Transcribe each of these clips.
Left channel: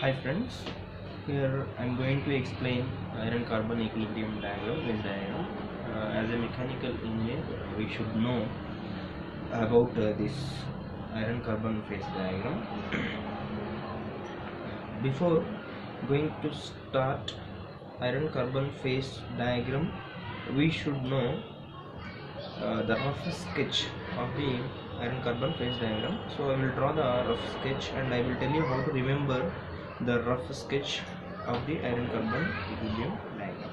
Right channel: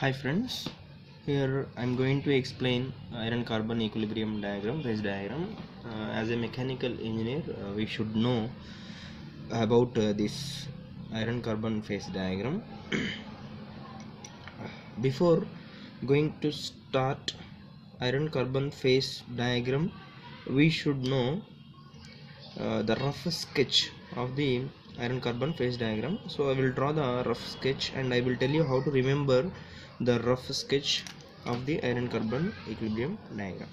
Hi friends, here I am going to explain iron carbon equilibrium diagram, phase diagram. As a mechanical engineer, we should know about this iron carbon phase diagram. Before going to start iron carbon phase diagram, we should know the rough sketch of the iron carbon phase diagram. So I will draw the rough sketch and I will tell you how to remember the rough sketch of the iron carbon equilibrium diagram.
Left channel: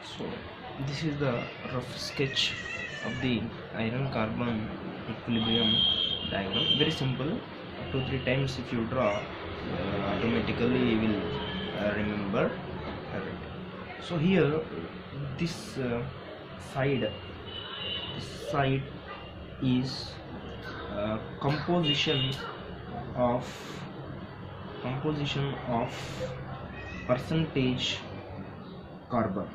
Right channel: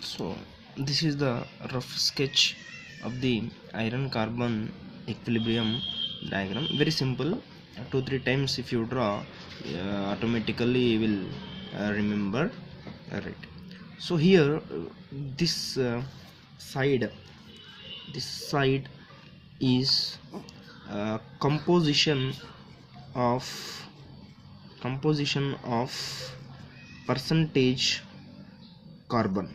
So this is the rough sketch of the iron carbon equilibrium diagram. Very simple. 2-3 times if you draw, automatically you will remember. Alright. So here this side is composition of percentage carbon,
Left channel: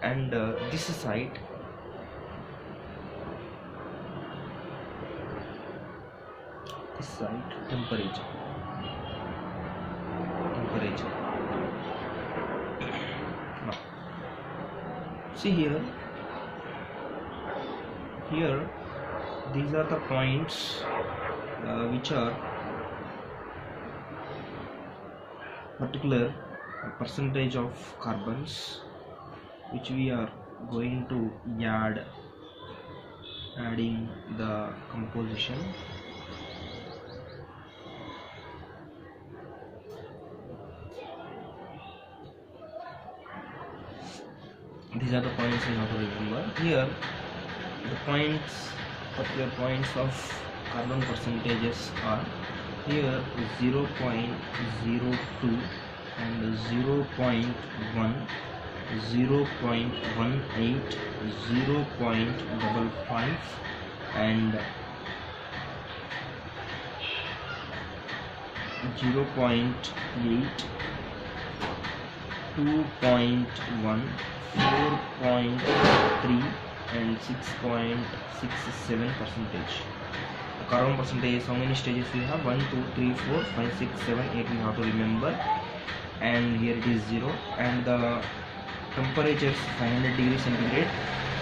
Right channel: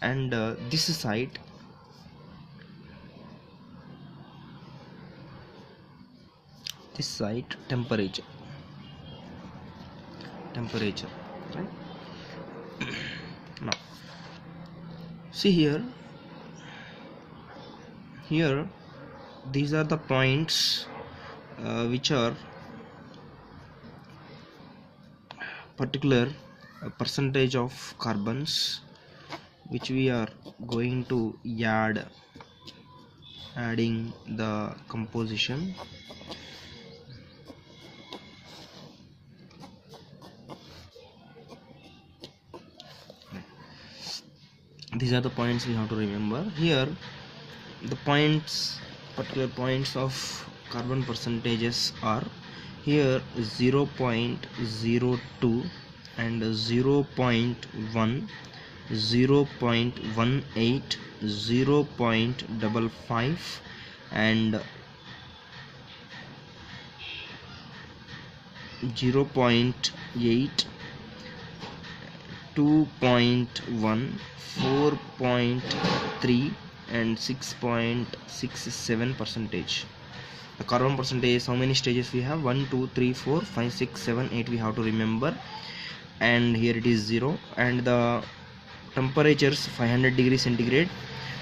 and this side temperature. Now see here these are the points which are particular percentage of carbons which we are going to adding the composition. These are the points we have to remember. Here the particular points of carbon percentages are here 0.02 and 0.1, 0.18, 0.55 and 0.8, 2.1, 4.3 and 6.67 percentage. The carbon percentage, how many stages we have? 1, 2, 3, 4, 5, 6, 7, 8 we have to remember, and here it is 0. And the temperatures 500 degrees centigrade.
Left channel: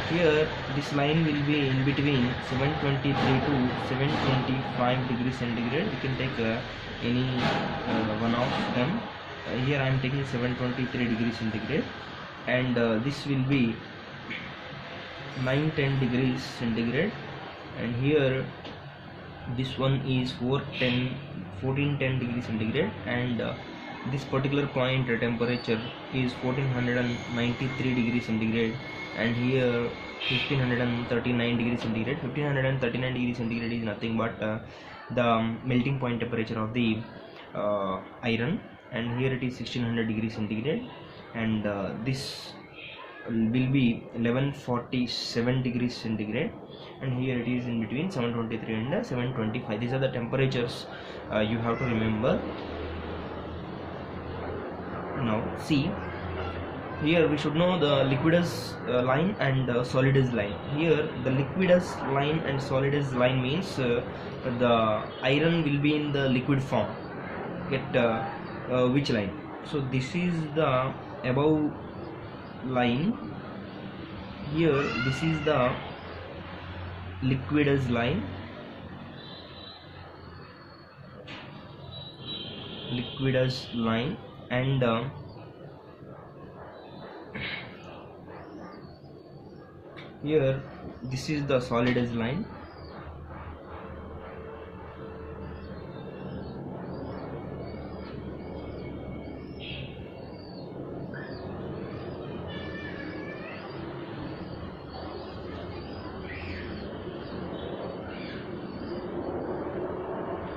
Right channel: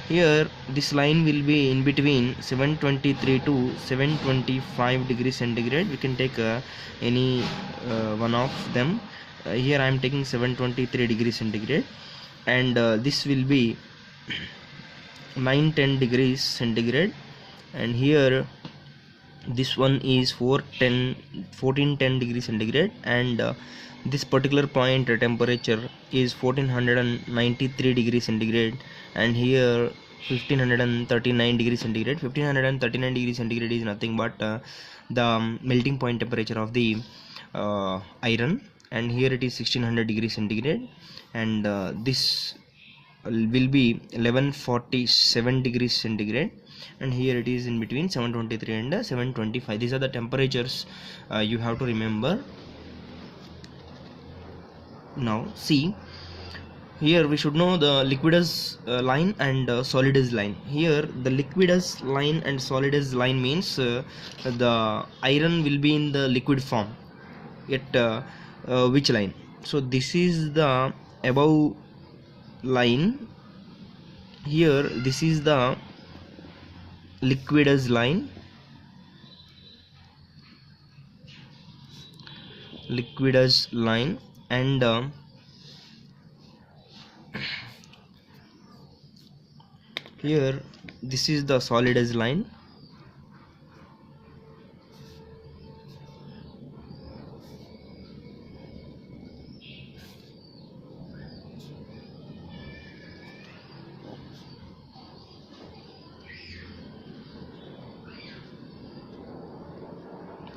Here this line will be in between 723 to 725 degrees centigrade. You can take any one of them. Here I am taking 723 degrees centigrade, and this will be 910 degrees centigrade, and here this one is 1410 degrees centigrade, and this particular point temperature is 1493 degrees centigrade, and here 1539 degrees centigrade. 1539 degrees centigrade is nothing but the melting point temperature of the iron, and here it is 1600 degrees centigrade, and this will be 1147 degrees centigrade, and here it is in between 723 and 725. These are the temperatures you have to remember. Now see, here we should know the Liquidus line and Solidus line. Here the Liquidus line and Solidus line means the iron will be in the liquid form at which line. So this is the above line. Here this is the Liquidus line, and here this is the Solidus line.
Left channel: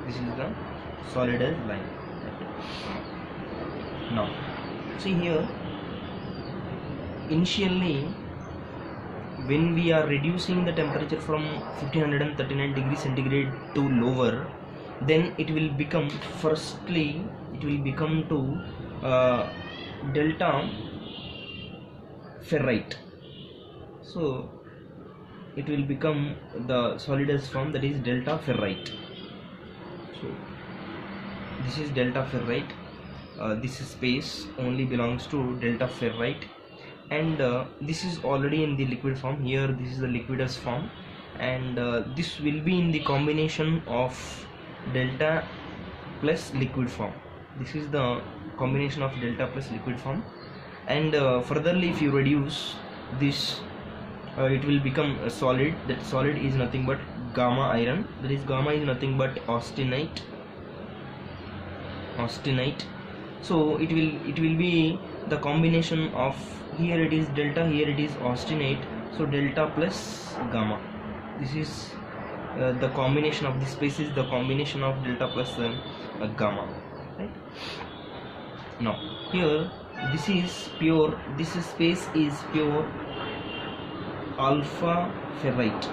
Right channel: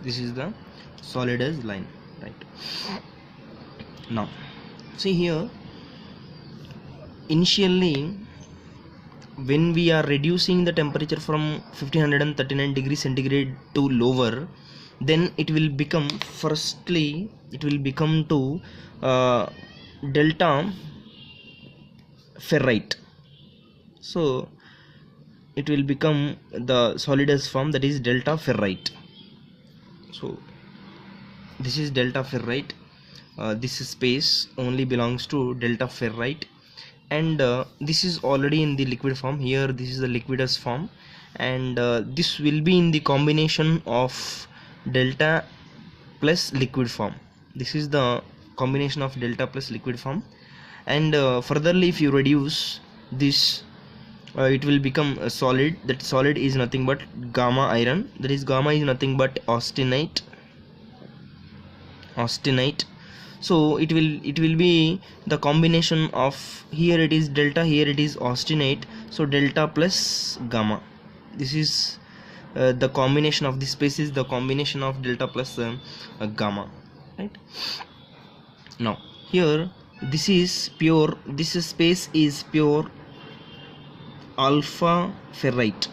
This is the Solidus line, right? Now see here, initially when we are reducing the temperature from 1539 degrees centigrade to lower, then it will become, firstly it will become to delta ferrite. So it will become the Solidus form, that is delta ferrite. So this is delta ferrite. This space only belongs to delta ferrite, and this is already in the liquid form. Here this is the Liquidus form, and this will be in the combination of delta plus liquid form. This is the combination of delta plus liquid form, and furtherly if you reduce this, it will become a solid. That solid is nothing but gamma iron, that is gamma is nothing but austenite. So it will be the combination of, here it is delta, here it is austenite, so delta plus gamma. This is the combination of this space is the combination of delta plus gamma, right? Now here this is pure, this space is pure alpha ferrite.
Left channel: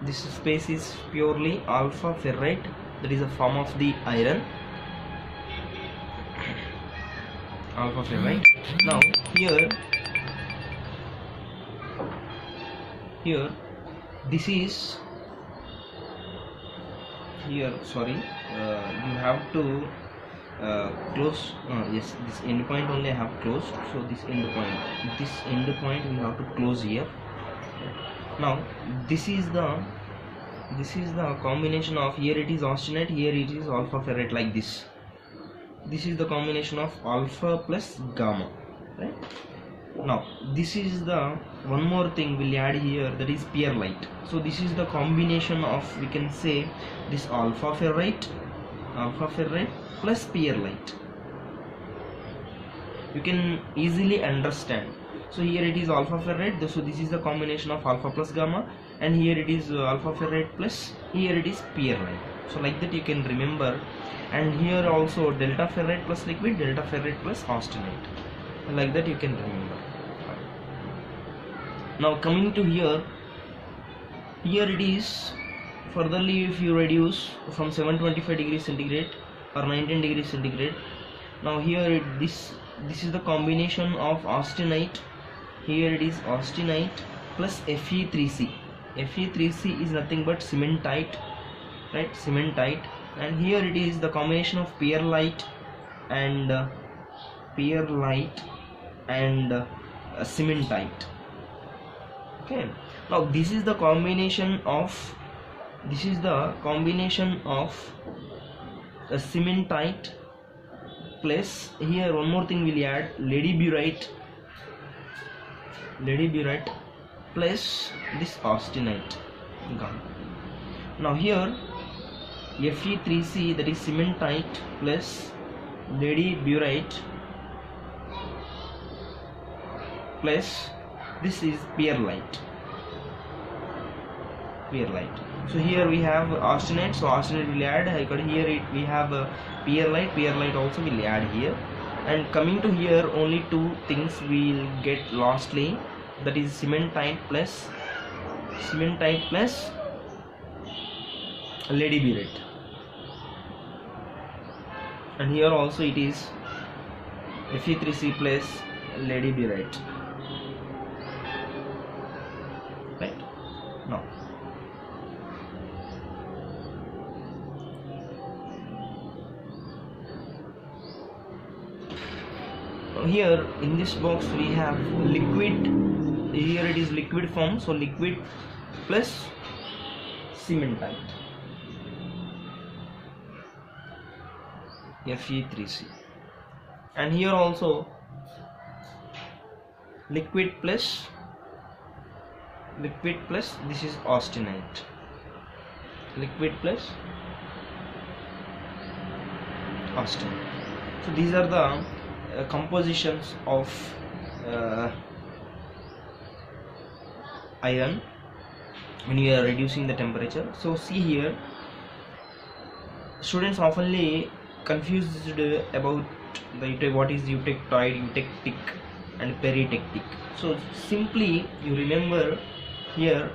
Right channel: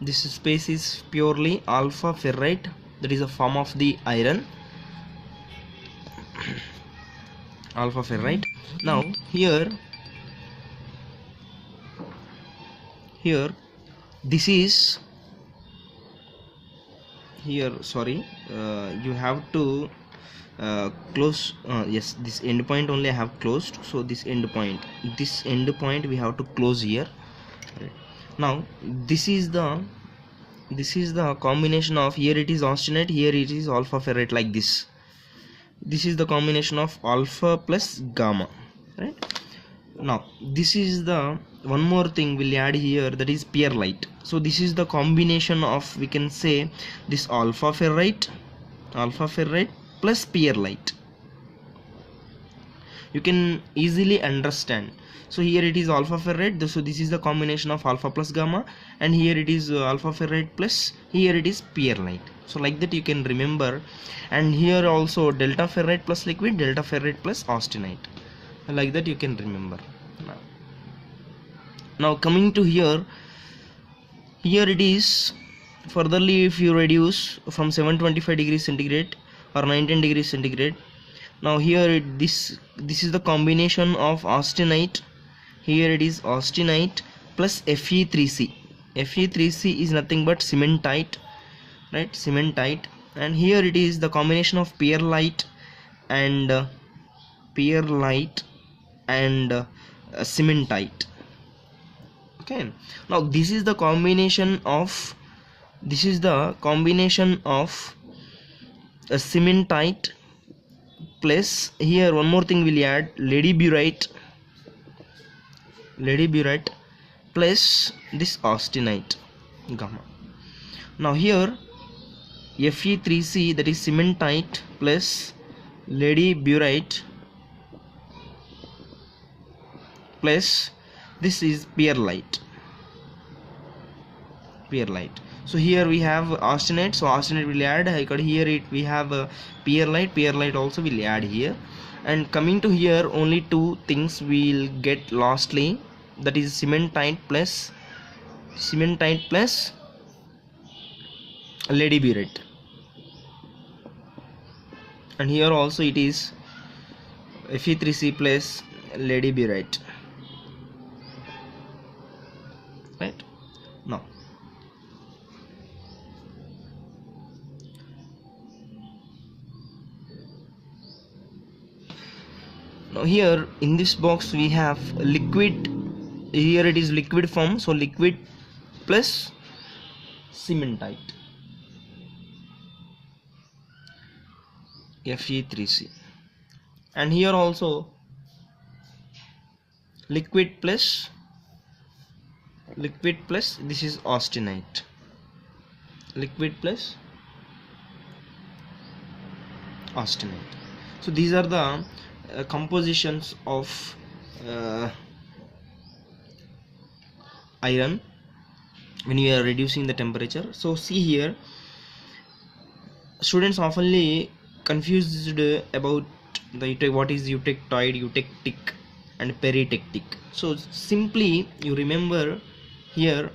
This space is purely alpha ferrite, that is a form of the iron, alpha ferrite. Now here this is, here sorry, you have to close, yes, this end point only I have closed, so this end point we have to close here. Now this is the combination of, here it is austenite, here it is alpha ferrite, like this. This is the combination of alpha plus gamma, right? Now this is the one more thing we'll add here, that is perlite. So this is the combination of, we can say, this alpha ferrite plus perlite. You can easily understand. So here it is alpha ferrite, so this is the combination of alpha plus gamma, and here it is alpha ferrite plus, here it is perlite. So like that you can remember. And here also delta ferrite plus liquid, delta ferrite plus austenite, like that you can remember. Now coming to here it is furtherly, if you reduce from 725 degrees centigrade or 19 degrees centigrade, now here this is the combination of austenite, here it is austenite plus Fe3C. Fe3C is nothing but cementite, right? Cementite. And here it is the combination of perlite and cementite. Okay, now this is the combination of a cementite plus, here one more thing we'll add, ladyburite plus this austenite gum. Now here Fe3C, that is cementite, plus ladyburite, plus this is perlite. So here we have austenite, so austenite will add here. We have perlite also will add here. And coming to here, only two things we'll get lastly, that is cementite plus ladyburite. And here also it is Fe3C plus ladyburite, right? Now here in this box we have liquid. Here it is liquid form, so liquid plus cementite, Fe3C. And here also liquid plus this is austenite, liquid plus austenite. So these are the compositions of iron when you are reducing the temperature. So see here, students oftenly confused about the what is eutectoid, eutectic and peritectic. So simply you remember here,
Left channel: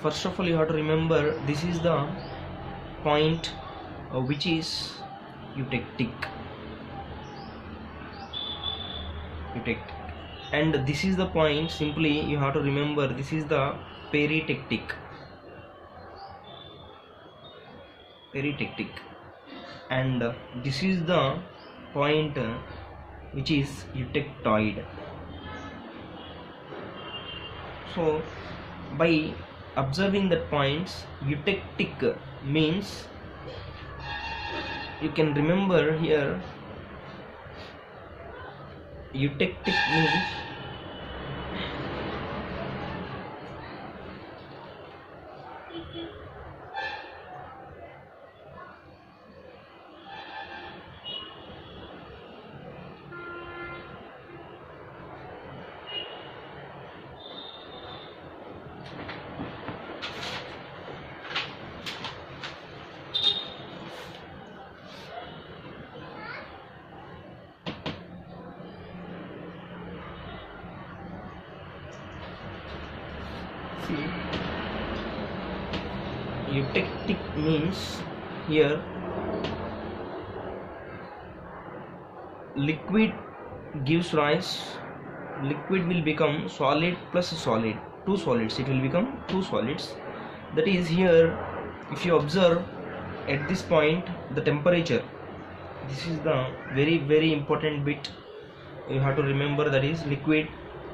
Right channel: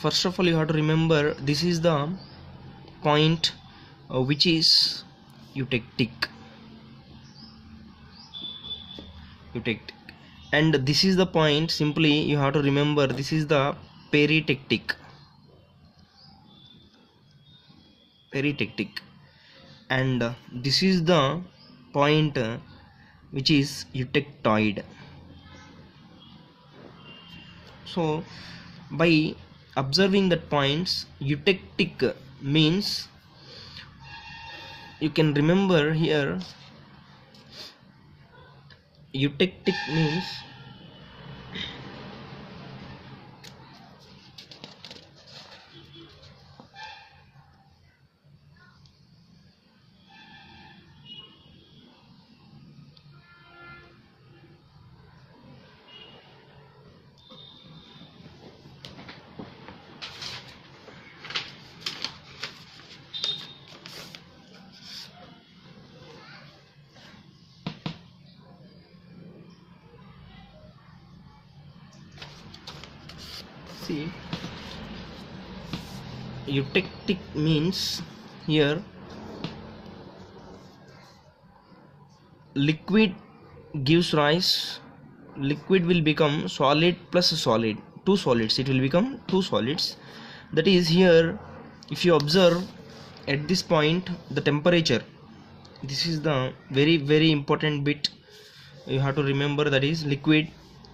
first of all you have to remember this is the point which is eutectic, and this is the point, simply you have to remember this is the peritectic, and this is the point which is eutectoid. So by observing that points, eutectic means you can remember here, eutectic means eutectic means here liquid gives rise, liquid will become solid plus solid, two solids, it will become two solids. That is here, if you observe at this point the temperature, this is the very important bit you have to remember, that is liquid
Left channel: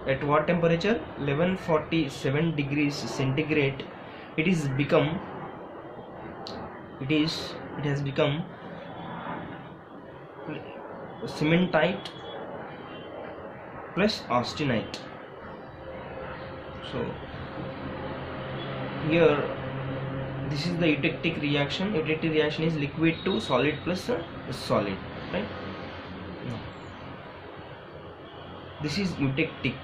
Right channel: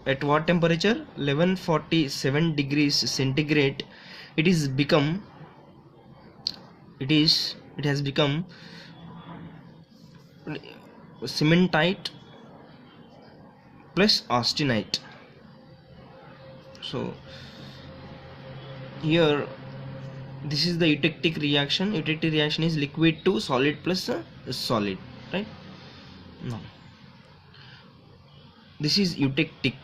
at what temperature, 1147 degrees centigrade, it has become cementite plus austenite. So here this is the eutectic reaction. Eutectic reaction is liquid to solid plus solid, right? Now, this is eutectic.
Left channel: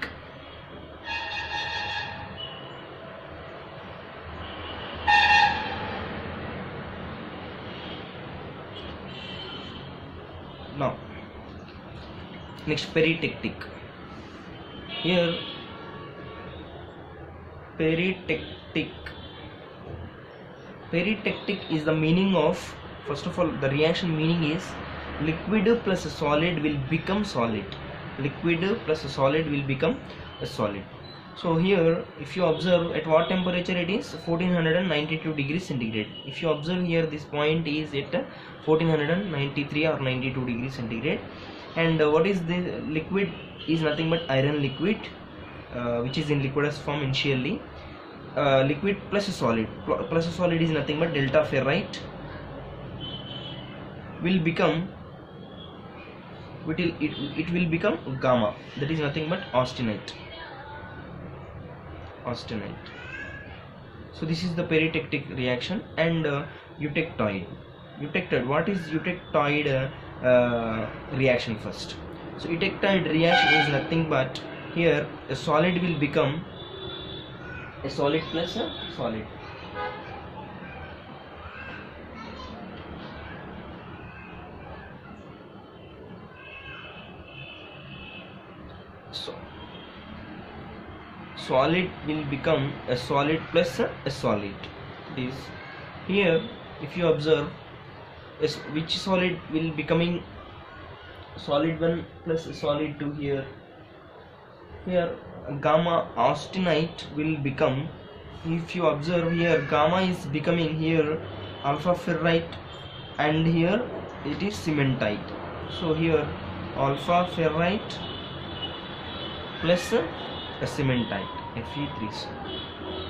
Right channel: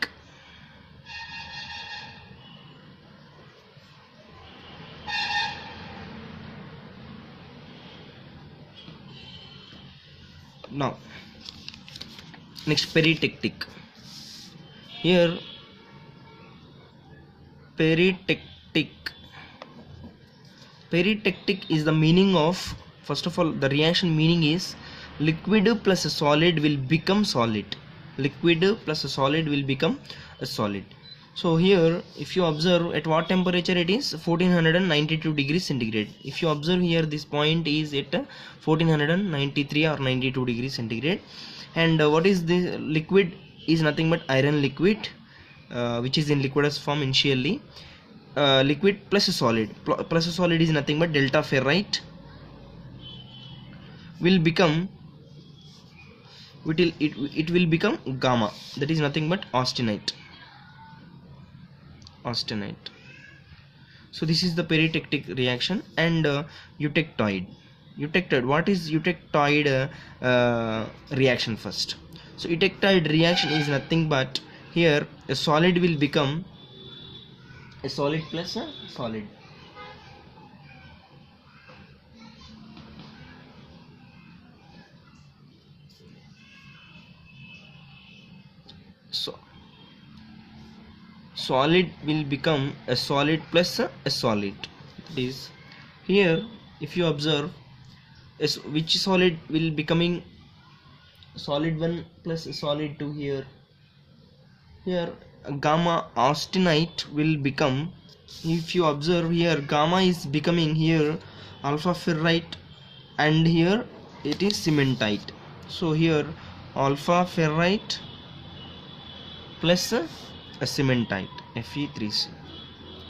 Now next, peritectic. Here peritectic is the meaning of, first of all the reaction meaning is liquid plus a solid will become solid, liquid plus a solid will become a solid. So here if you observe at what temperature it is, 1492 degrees centigrade. If you observe here, this point is at 1493 or 92 degrees centigrade. And what is the liquid is nothing but iron liquid, which is in liquidus form initially. Liquid plus a solid, is nothing but delta ferrite will become it will become gamma, that is nothing but austenite. So this is the peritectic reaction. And eutectoid. What is eutectoid reaction first? So eutectoid reaction is nothing but, here a solid will become a solid plus a solid. So solid will become a solid plus a solid. That is, here if you observe, which solid will becoming solid 1 plus solid 2, here gamma austenite will become, if you observe here, gamma is becoming here alpha ferrite, and here it is cementite. So here alpha ferrite plus a cementite, Fe3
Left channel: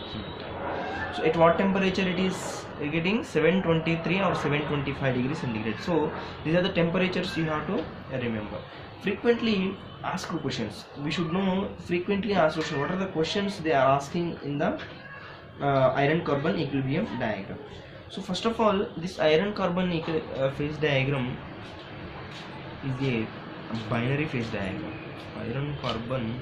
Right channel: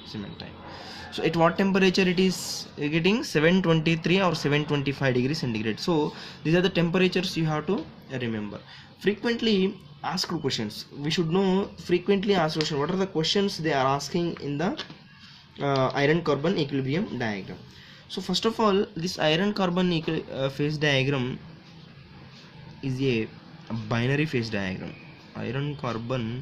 cementite. So at what temperature it is getting? 723 or 725 degrees centigrade. So these are the temperatures you have to remember. Frequently asked questions, we should know frequently asked questions. What are the questions they are asking in the iron carbon equilibrium diagram? So first of all, this iron carbon phase diagram is a binary phase diagram. Iron carbon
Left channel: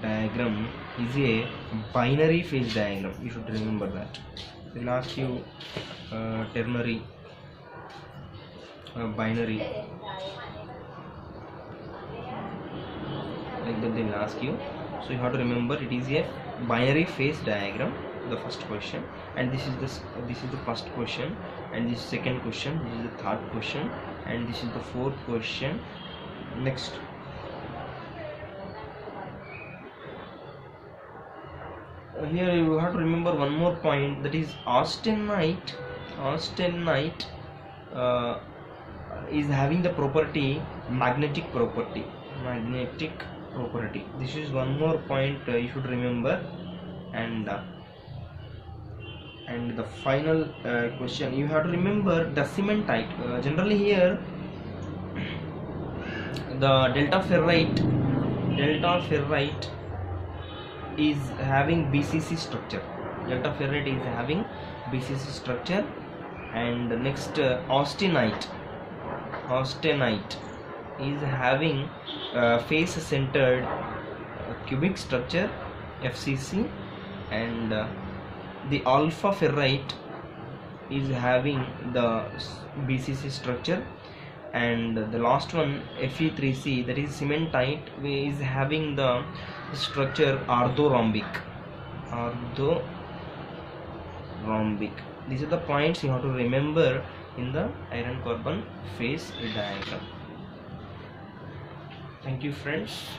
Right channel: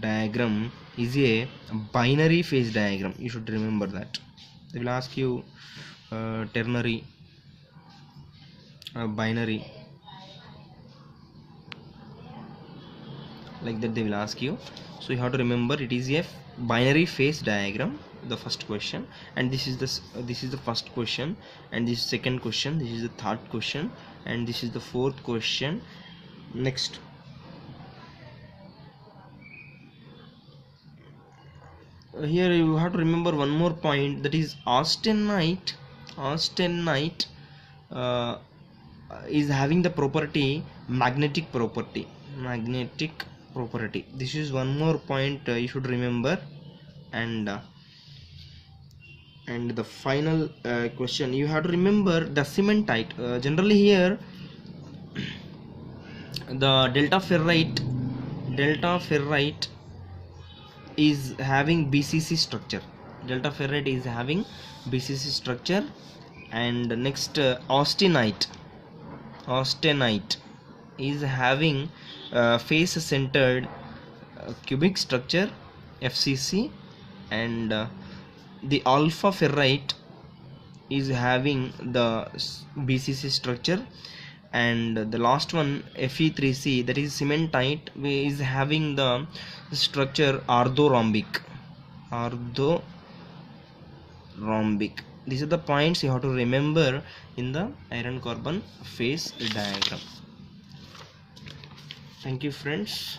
diagram is a binary phase diagram. You should remember that. They will ask you ternary, binary, like that they will ask you. So you have to remember it is a binary phase diagram, the first question. And this is the first question, and this is second question, this is the third question, and this is the fourth question. Next, here you have to remember one more point, that is austenite is having the property magnetic property. This is one more point you should remember. And the final question, you have to remember the cementite. Generally here the delta ferrite is having BCC structure. And next, austenite is having face centered cubic structure, FCC. And the alpha ferrite is having the BCC structure. And the last one, Fe3C, that is cementite, is having the structure orthorhombic. These are the points you have to remember in the iron carbon phase diagram. Thank you, friends.